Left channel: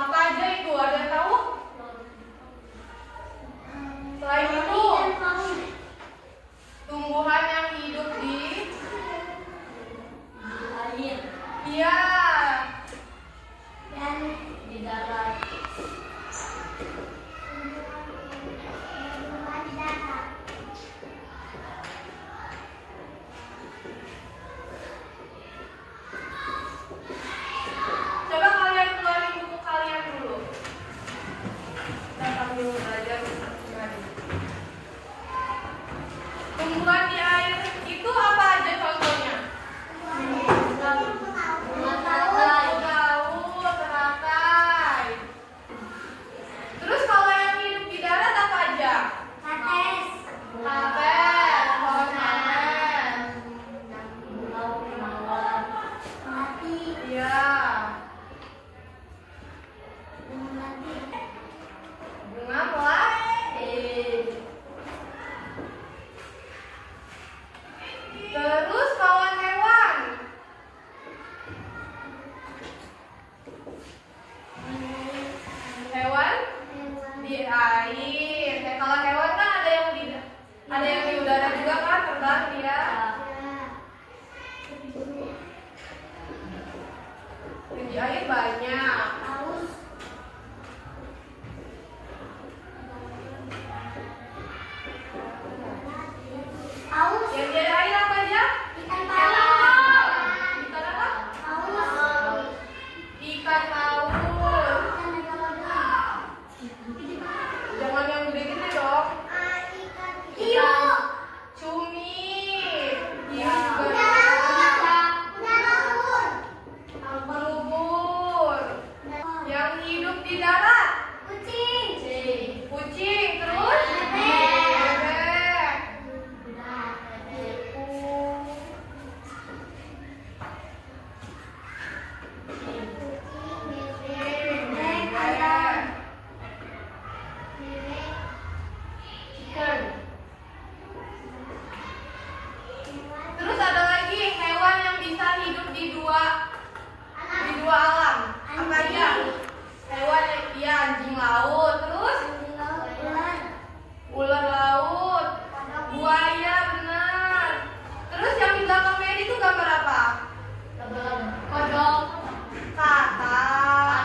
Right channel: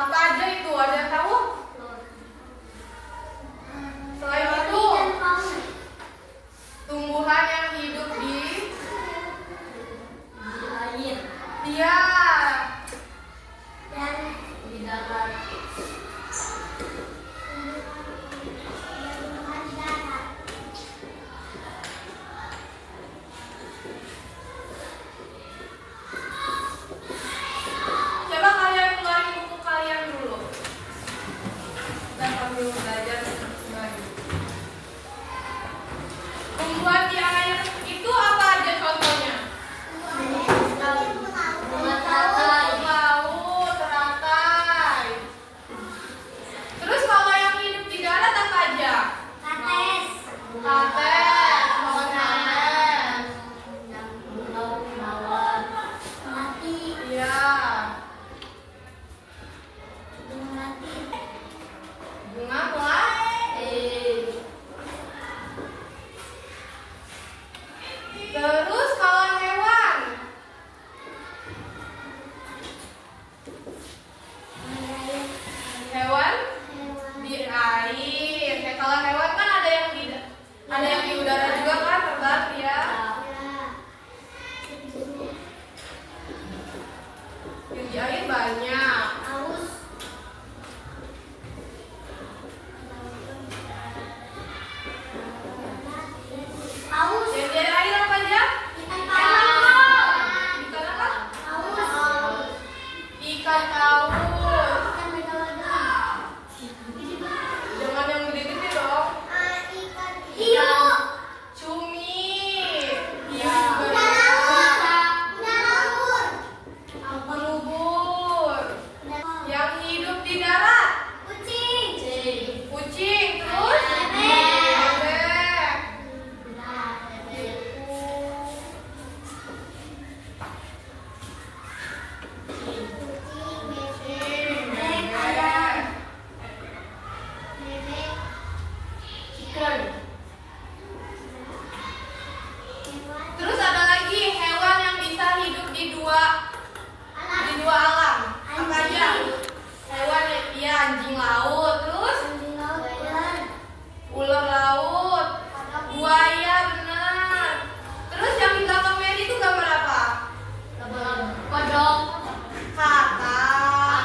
Apa aja itu? Ada yang tahu? Selain itu, tumbuhan yang hidup di air. Iya. Dan di darat. Coba kalian keluarin buku kalian dulu. Dan sambil belajar lagi. Tumbuhan di air itu apa aja contohnya? Laut, teratai. Terus kalau yang hidup di darat apa aja? Kates, pohon kates. Iya. Bunga melati. Terus kalau hewan? Hewan di air. Kalau hewan kan ada yang di udara juga kan, terbang dia. Yang di air banyak. Yang di air apa aja? Ikan apa? Ikan paus. Jangan yang gede-gede dong. Hiu. Cumi. Hiu juga. Ubur. Yang hidup di darat? Kucing. Terus? Bebek. Terus ada lagi hewan yang bisa hidup di dua alam. Apa aja? Hewan ya anjing laut, terus ular laut, buaya, benar. Terus yang di belakang Mary itu gambar apa? Kodok. Kakak.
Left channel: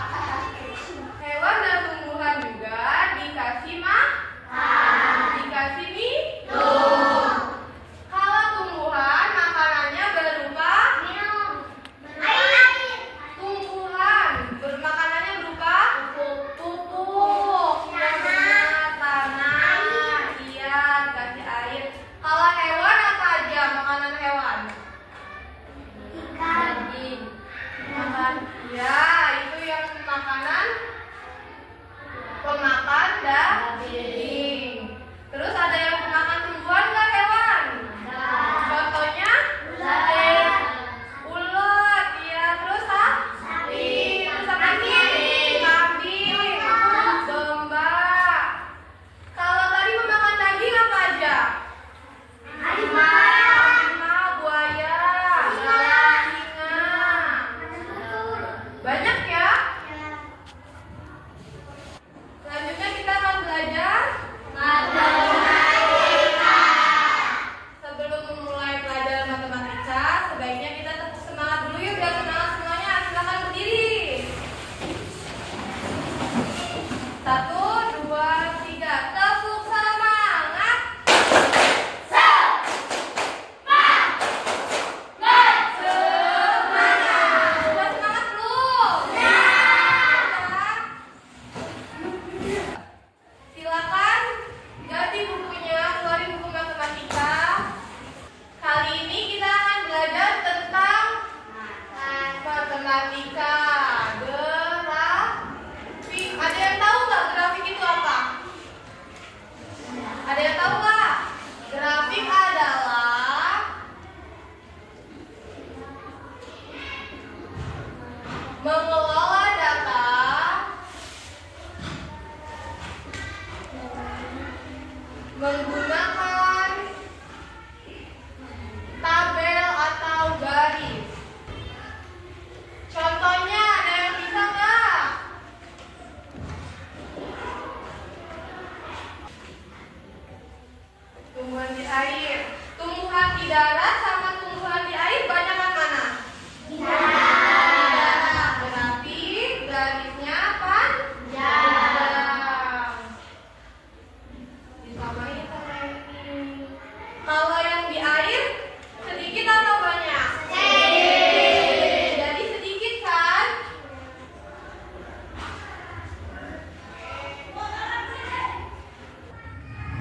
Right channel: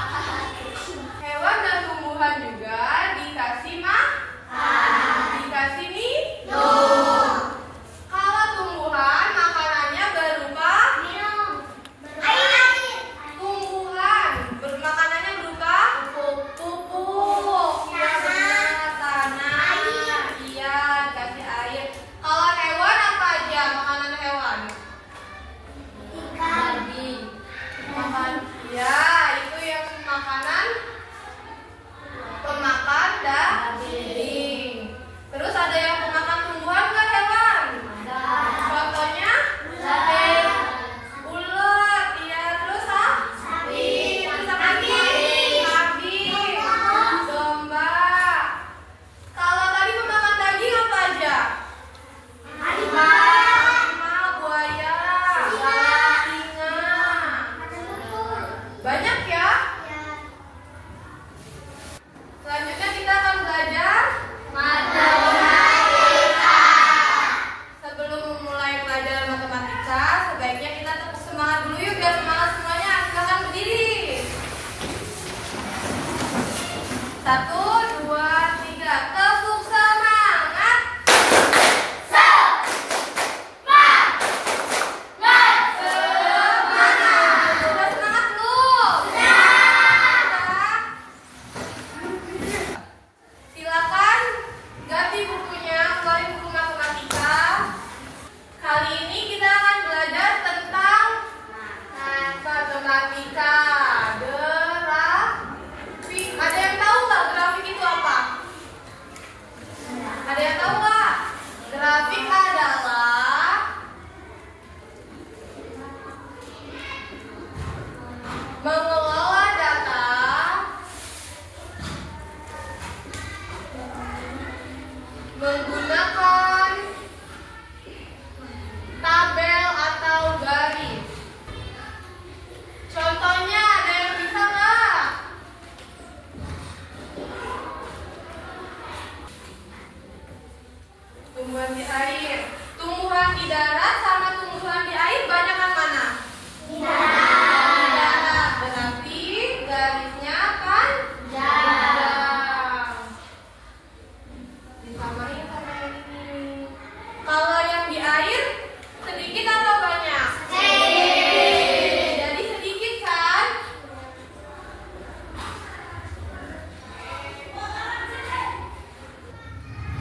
Hewan dan tumbuhan juga dikasih dikasih minum. Kalau tumbuhan makanannya berupa tumbuhan makanannya berupa pupuk. Iya benar, tanah. Iya, kasih air. Kalau hewan apa aja makanan hewan? Daging. Makan. Ya, itu yang makanan pemakan daging. Terus ada yang pemakan tumbuhan nggak hewan? Contohnya? Ulet, ya. Terus sapi. Terus apa lagi? Kambing. Domba. Kalau tadi pemakan daging apa aja? Harimau, buaya, singa. Banyak ya? Selanjutnya kita akan belajar matematika. Sebelum memulai pelajaran matematika, sebaiknya kita tepuk semangat dulu yuk, biar semangat semuanya. Silakan berdiri. 1, 2, 3. Tepuk semangat. Sudah semangat belum? Silakan ganti bukunya, keluarin buku matematika. Kali ini kita akan belajar tentang matematika grafik. Ada yang tahu nggak grafik itu apa? Ada yang tahu nggak? Grafik adalah mengelola data menggunakan tabel atau garis. Contohnya ada yang bisa nggak? tumbuhan di air. Tumbuhan di darat sama tumbuhan di air banyakan mana? Di darat. Berarti garisnya panjang. Disamain sama ini. Kalau yang di air sedikit atau banyak? Sedikit. Jadi sedikit kan?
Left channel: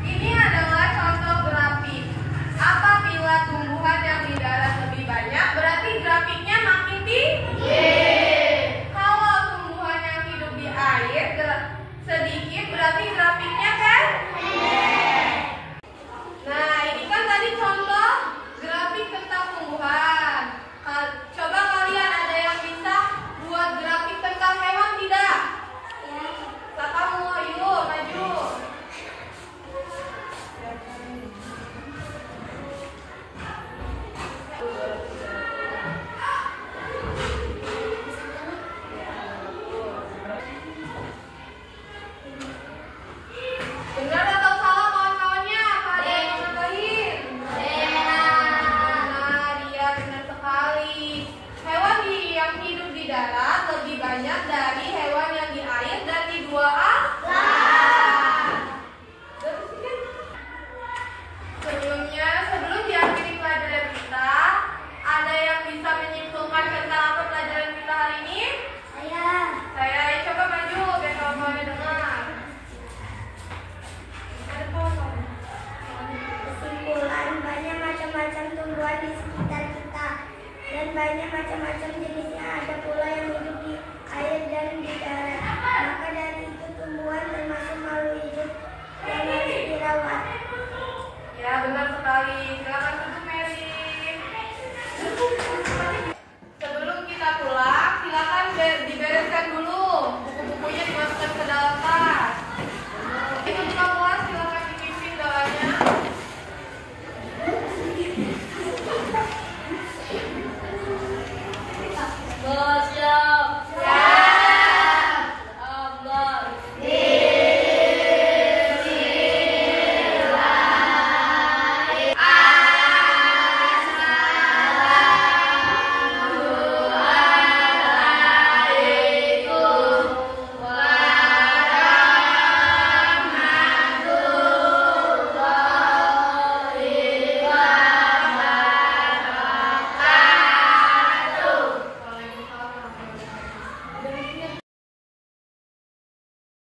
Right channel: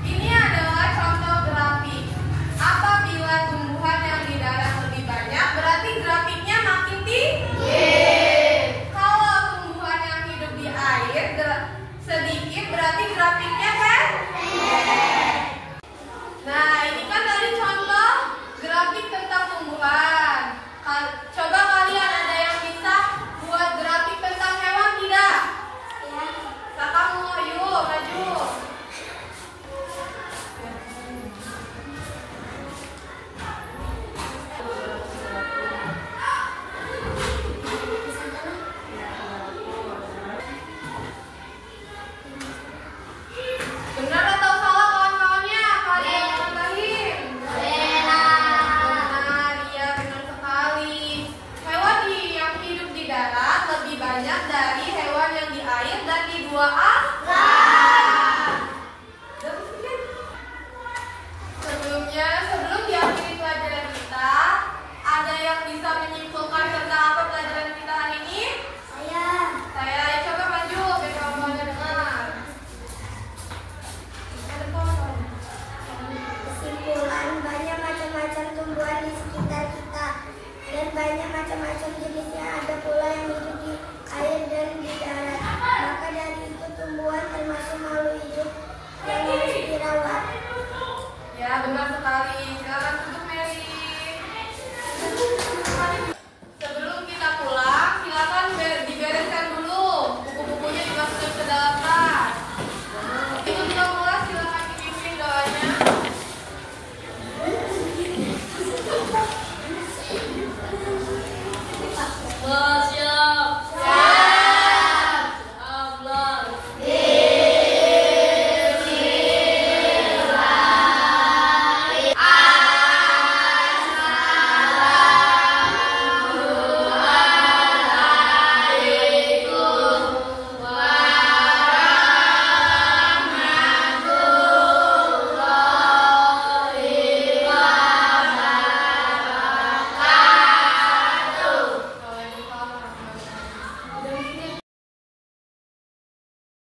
Ini adalah contoh grafik. Apabila tumbuhan yang di darat lebih banyak, berarti grafiknya makin tinggi. Kalau tumbuhan yang hidup di air sedikit, berarti grafiknya pendek. Nah, ini kan tadi contoh grafik tentang tumbuhan. Coba kalian ada yang bisa buat grafik tentang hewan tidak? Ya. Kamu, yuk maju. Benar atau salah kawan-kawannya? Kalian nambahin. Benar, iya benar sekali. Hewan yang hidup di darat lebih banyak dari hewan yang di air dan di dua alam. Sebelum diakhiri pelajaran kita, ada yang bisa menyimpulkan tentang apa pelajaran kita hari ini? Saya.